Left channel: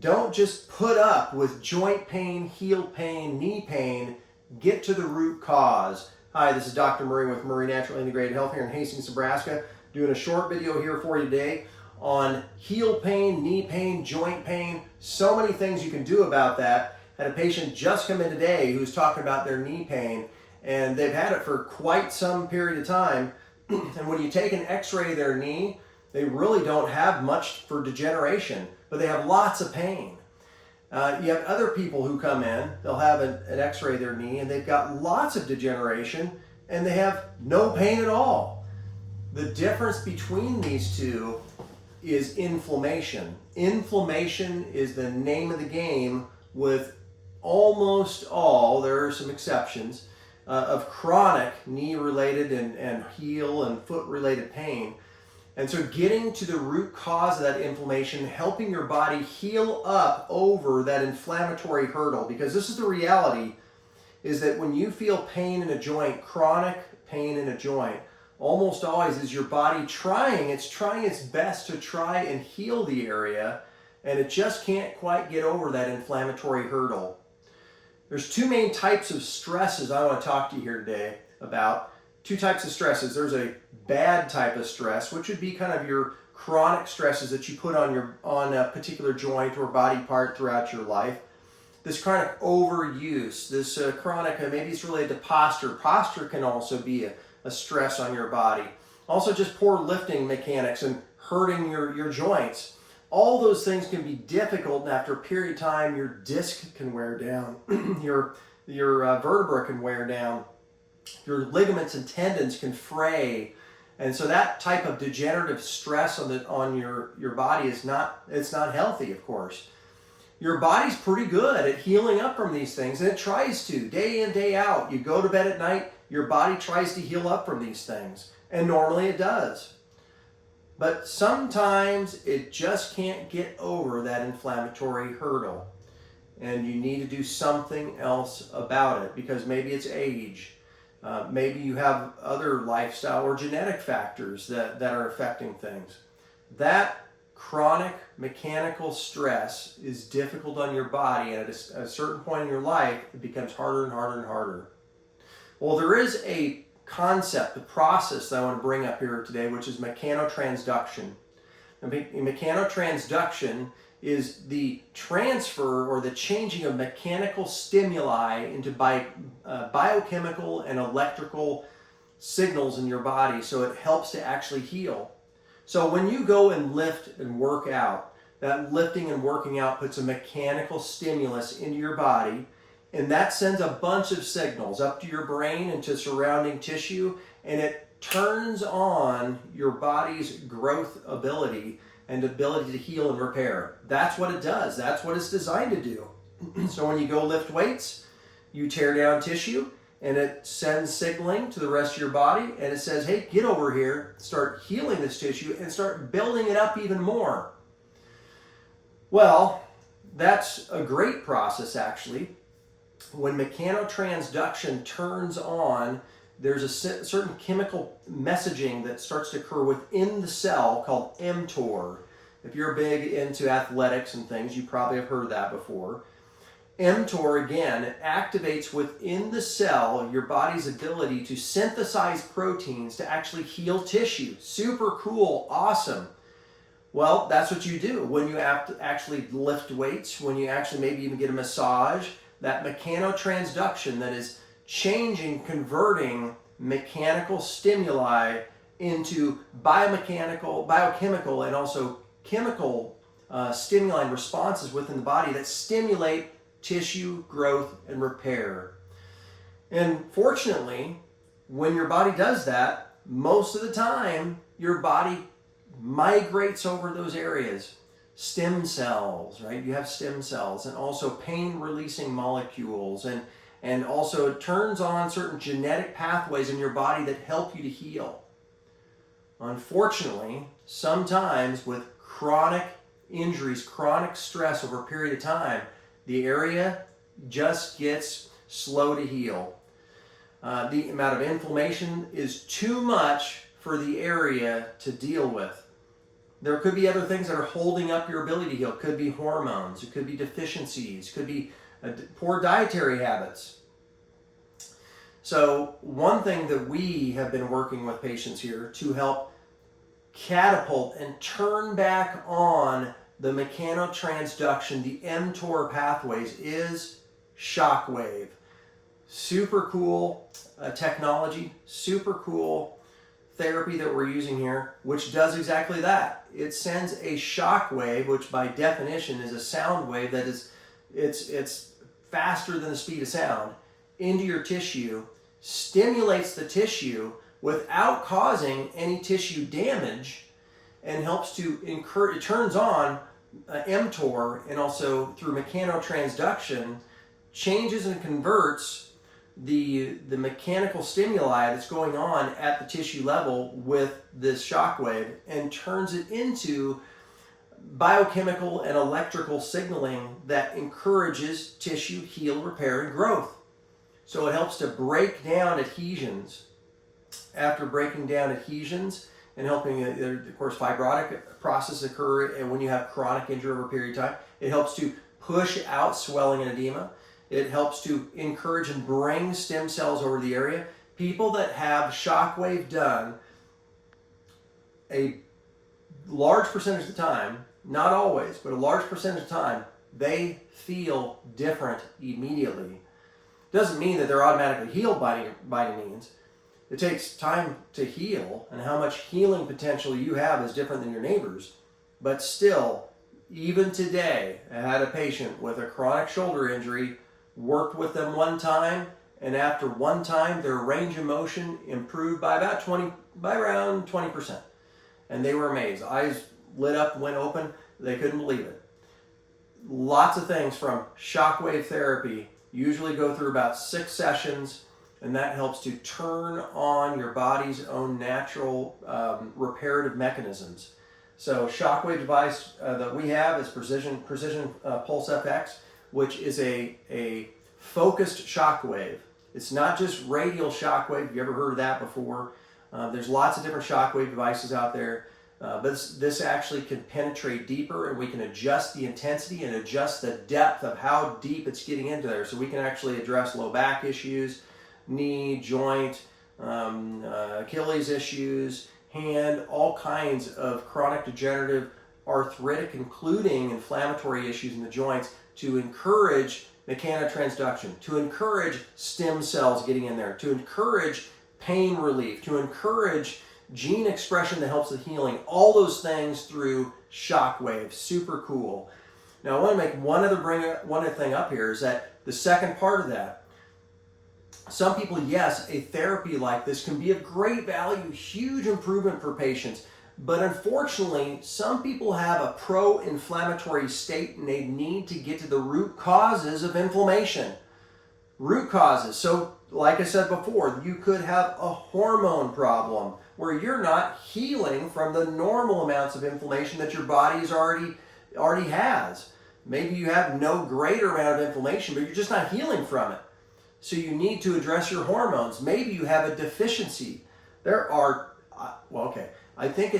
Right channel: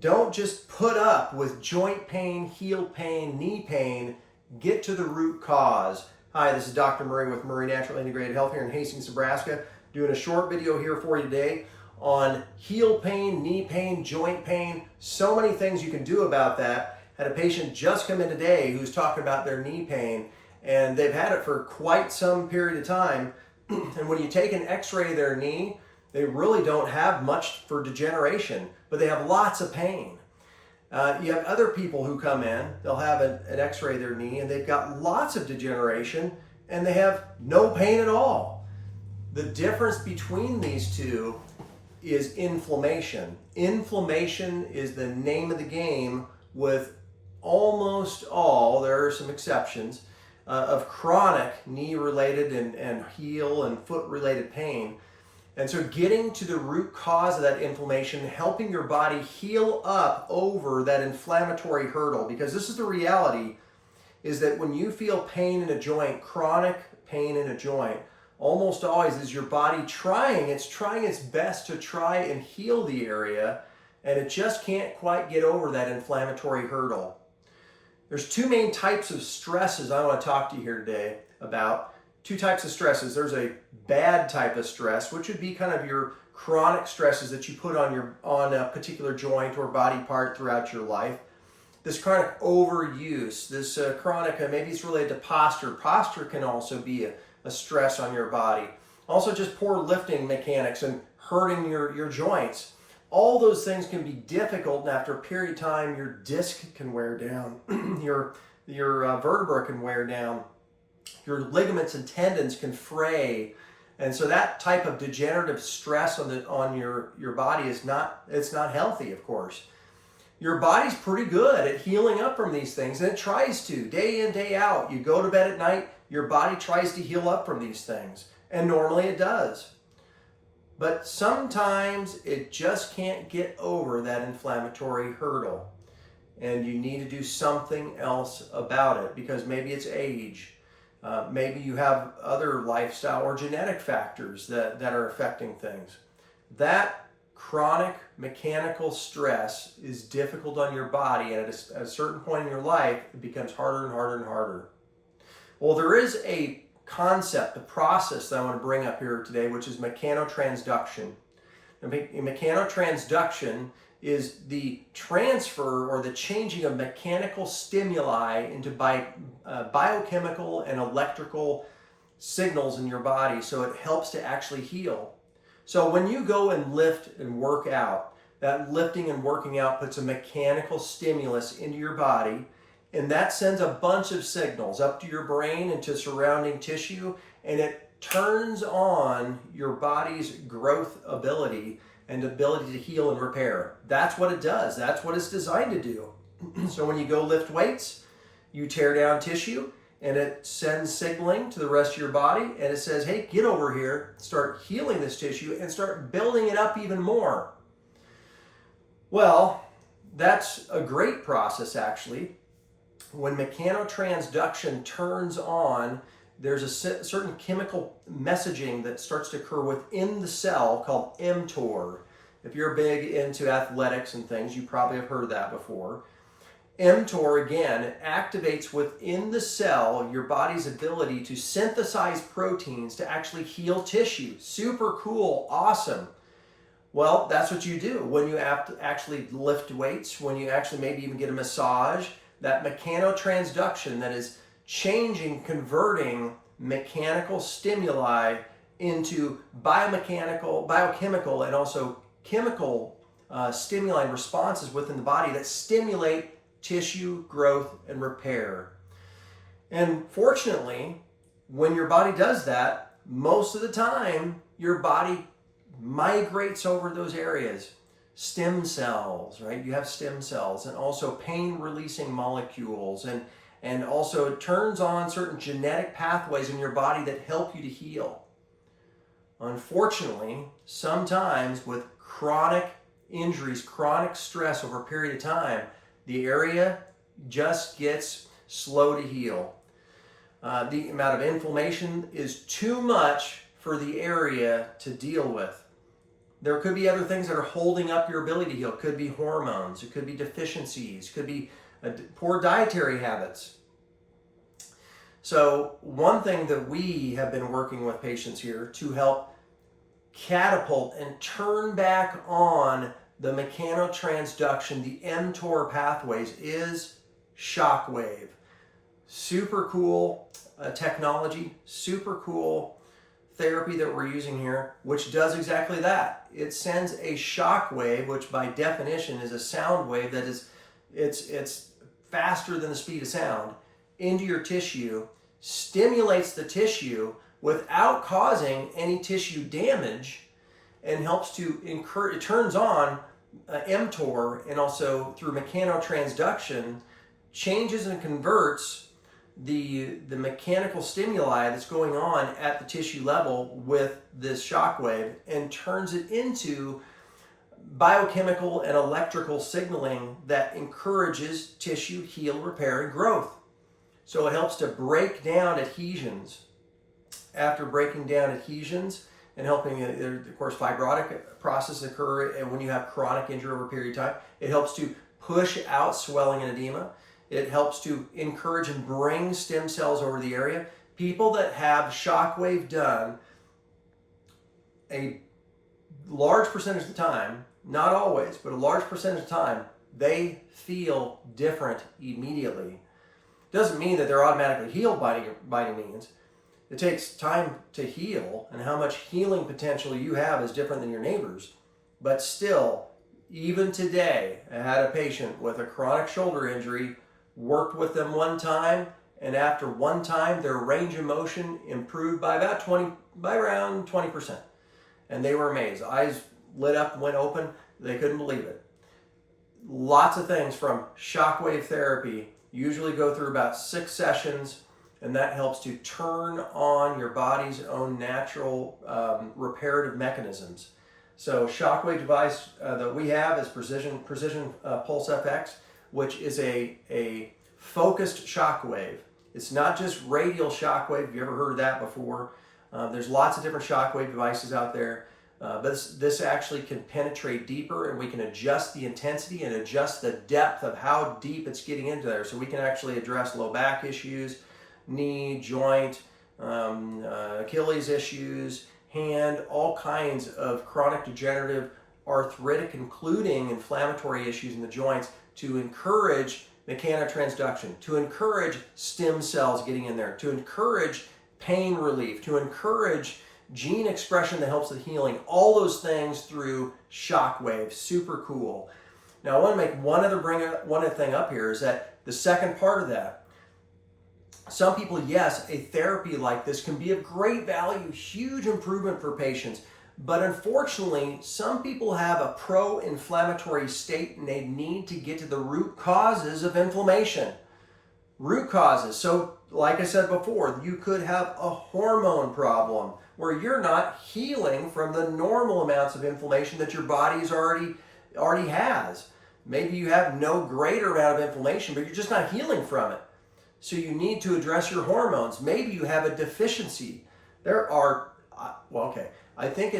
Don't just put up with joint pain, heel pain, knee pain. Get to the root cause. Hi, this is Dr. Murray with Murray Natural Integrated Health here in Hastings, Nebraska. Doing a short video here for you today on heel pain, knee pain, joint pain. So many things you can do about that. Had a patient just come in today who's talking about their knee pain, and they've had it for quite some period of time. And when you take an x-ray of their knee, they really don't have much for degeneration, but they have lots of pain. You have other people who come in, they'll have an x-ray of their knee and they've got lots of degeneration and they have no pain at all. The difference between these two is inflammation. Inflammation is the name of the game with almost all, there are some exceptions, of chronic knee-related and heel and foot-related pain. And so getting to the root cause of that inflammation, helping your body heal up over that inflammatory hurdle, because this is the reality, is that when you feel pain in a joint, chronic pain in a joint, almost always is your body trying its best to try and heal the area, and it just can't quite get over that inflammatory hurdle. There's two main types of stresses I want to talk to you here today about. Two types of stresses. There's a bad type of stress, which would be kind of your chronic stresses that you put on a particular joint or body part throughout your life. This chronic overuse, this chronic, maybe it's related to posture. Posture can also be a stress on your body. Also just poor lifting mechanics and hurting your joints. All those things can be difficult, and after a period of time, your disc can wear down, your vertebra can wear down. Your ligaments and tendons can fray, and so that type of degenerative stress on your body is not healthy. Of course, your body's pretty good at healing up from these things, and it tries to day in, day out. You go to bed at night, your body tries to heal up from these things, and normally it does. But sometimes it just can't get over that inflammatory hurdle, and you need to do something else about it, because maybe it's age. Maybe you have other lifestyle or genetic factors that are affecting things. That chronic mechanical stress is difficult on your body, and at a certain point in your life, it becomes harder and harder and harder. Well, there is a concept, a process that I want to bring up here today, which is mechanotransduction. Mechanotransduction is the transfer or the changing of mechanical stimuli into biochemical and electrical signals in your body, so it helps to actually heal. So when you go and lift and work out, that lifting and working out puts a mechanical stimulus into your body, and that sends a bunch of signals up to your brain and to surrounding tissue, and it turns on your body's growth ability and ability to heal and repair. That's what it does. That's what it's designed to do. So when you go lift weights, you tear down tissue, and it sends signaling to the rest of your body, and it says, hey, get over here, start healing this tissue, and start building it up even more. Well, that's a great process, actually. When mechanotransduction turns on, there's a certain chemical messaging that starts to occur within the cell called mTOR. If you're big into athletics and things, you probably have heard that before. mTOR, again, activates within the cell your body's ability to synthesize proteins to actually heal tissue. Super cool, awesome. Well, that's what you do when you actually lift weights, when you actually maybe even get a massage. That mechanotransduction that is changing, converting mechanical stimuli into biochemical, and also chemical stimuli and responses within the body that stimulate tissue growth and repair. And fortunately, when your body does that, most of the time, your body migrates over those areas. Stem cells, right? You have stem cells, and also pain-releasing molecules, and also it turns on certain genetic pathways in your body that help you to heal. Unfortunately, sometimes with chronic injuries, chronic stress over a period of time, the area just gets slow to heal. The amount of inflammation is too much for the area to deal with. There could be other things that are holding up your ability to heal. It could be hormones, it could be deficiencies, it could be poor dietary habits. So one thing that we have been working with patients here to help catapult and turn back on the mechanotransduction, the mTOR pathways, is shockwave. Super cool technology, super cool therapy that we're using here, which does exactly that. It sends a shock wave, which by definition is a sound wave that is, it's faster than the speed of sound, into your tissue, stimulates the tissue without causing any tissue damage, and helps to encourage, it turns on mTOR, and also through mechanotransduction changes and converts the mechanical stimuli that's going on at the tissue level with this shock wave, and turns it into biochemical and electrical signaling that encourages tissue heal, repair, and growth. So it helps to break down adhesions. After breaking down adhesions and helping, of course, fibrotic processes occur, and when you have chronic injury over a period of time, it helps to push out swelling and edema. It helps to encourage and bring stem cells over the area. People that have shockwave done, a large percentage of the time, not always, but a large percentage of the time, they feel different immediately. Doesn't mean that they're automatically healed by any means. It takes time to heal, and how much healing potential you have is different than your neighbors. But still, even today, I had a patient with a chronic shoulder injury, worked with them one time, and after one time, their range of motion improved by around 20%. And they were amazed. Eyes lit up, went open. They couldn't believe it. Lots of things from shockwave therapy usually go through about 6 sessions, and that helps to turn on your body's own natural reparative mechanisms. So shockwave device that we have is Precision Pulse FX, which is a focused shockwave. It's not just radial shockwave. Have you ever heard of that before? There's lots of different shockwave devices out there. But this actually can penetrate deeper, and we can adjust the intensity and adjust the depth of how deep it's getting into there. So we can actually address low back issues, knee, joint, Achilles issues, hand, all kinds of chronic degenerative, arthritic, including inflammatory issues in the joints, to encourage mechanotransduction, to encourage stem cells getting in there, to encourage pain relief, to encourage gene expression that helps the healing, all those things through shockwave. Super cool. Now I want to make one other thing up here, is that the second part of that, some people, yes, a therapy like this can be of great value, huge improvement for patients, but unfortunately, some people have a pro-inflammatory state and they need to get to the root causes of inflammation. Root causes. So like I said before, you could have a hormone problem where you're not healing from the normal amounts of inflammation that your body's already has. Maybe you have no greater amount of inflammation, but you're just not healing from it. So you need to address your hormones. Maybe you have a deficiency. There are, I think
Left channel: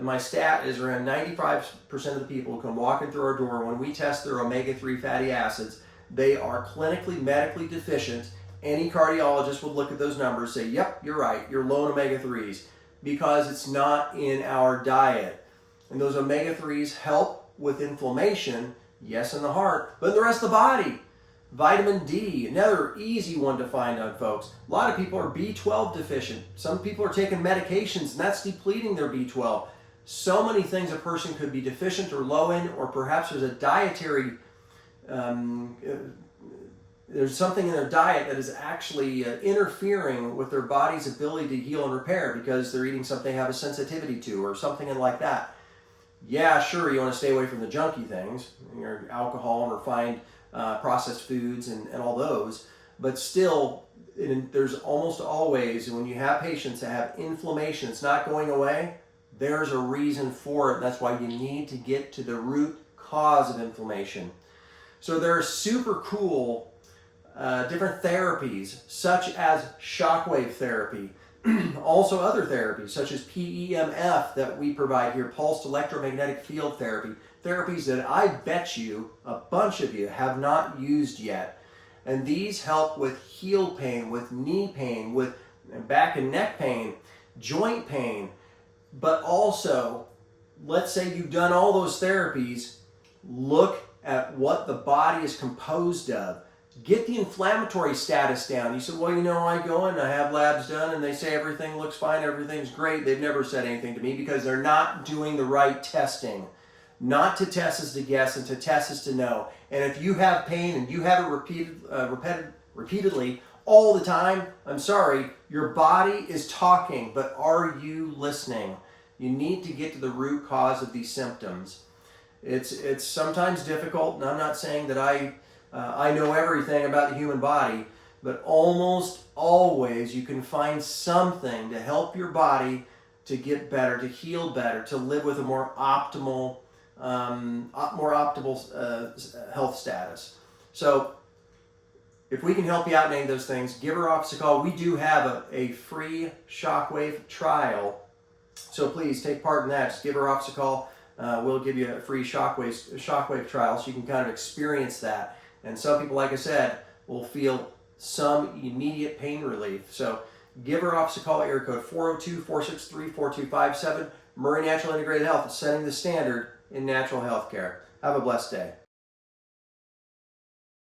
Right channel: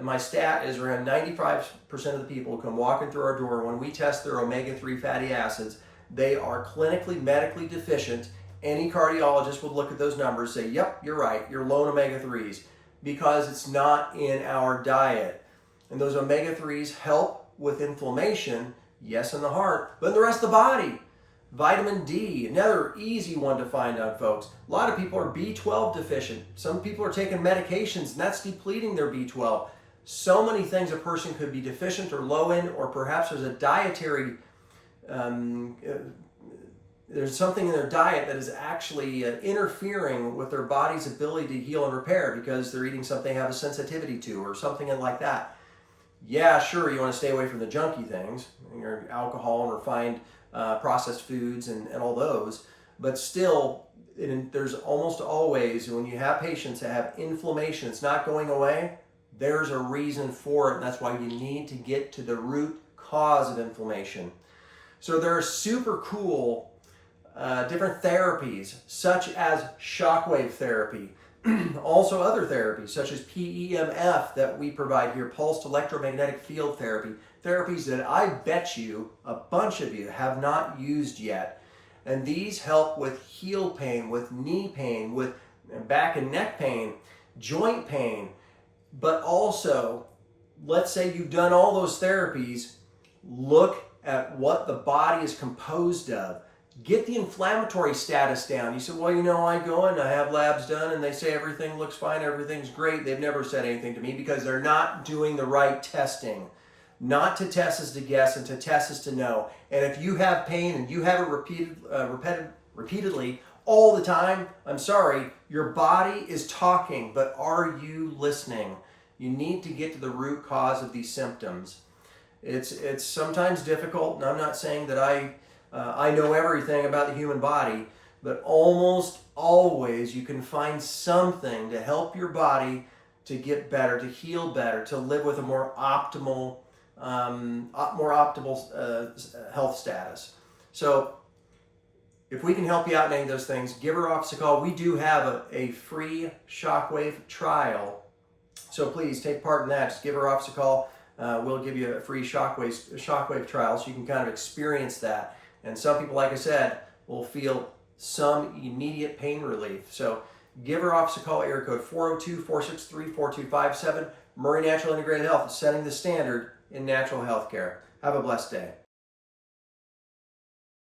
my stat is around 95% of the people who come walking through our door, when we test their omega-3 fatty acids, they are clinically, medically deficient. Any cardiologist would look at those numbers and say, yep, you're right, you're low in omega-3s, because it's not in our diet. And those omega-3s help with inflammation, yes, in the heart, but in the rest of the body. Vitamin D, another easy one to find on folks. A lot of people are B12 deficient. Some people are taking medications, and that's depleting their B12. So many things a person could be deficient or low in, or perhaps there's a dietary there's something in their diet that is actually interfering with their body's ability to heal and repair, because they're eating something they have a sensitivity to, or something like that. Yeah, sure, you want to stay away from the junky things, your alcohol and refined processed foods and all those, but still, there's almost always, when you have patients that have inflammation, it's not going away, there's a reason for it, and that's why you need to get to the root cause of inflammation. So there are super cool different therapies, such as shockwave therapy, Also other therapies such as PEMF that we provide here, pulsed electromagnetic field therapy, therapies that I bet you, a bunch of you, have not used yet. And these help with heel pain, with knee pain, with back and neck pain, joint pain, but also, let's say you've done all those therapies, look at what the body is composed of. Get the inflammatory status down. You said, well, you know, I go and I have labs done and they say everything looks fine, everything's great. They've never said anything to me because they're not doing the right testing. Not to test is to guess, and to test is to know. And if you have pain and you have it repeatedly all the time, I'm sorry, your body is talking, but are you listening? You need to get to the root cause of these symptoms. It's sometimes difficult, and I'm not saying that I know everything about the human body, but almost always you can find something to help your body to get better, to heal better, to live with a more optimal health status. So if we can help you out in any of those things, give our office a call. We do have a free shockwave trial, so please take part in that. Just give our office a call. We'll give you a free shockwave trial so you can kind of experience that. And some people, like I said, will feel some immediate pain relief. So give our office a call, area code 402-463-4257. Murray Natural Integrated Health is setting the standard in natural health care. Have a blessed day.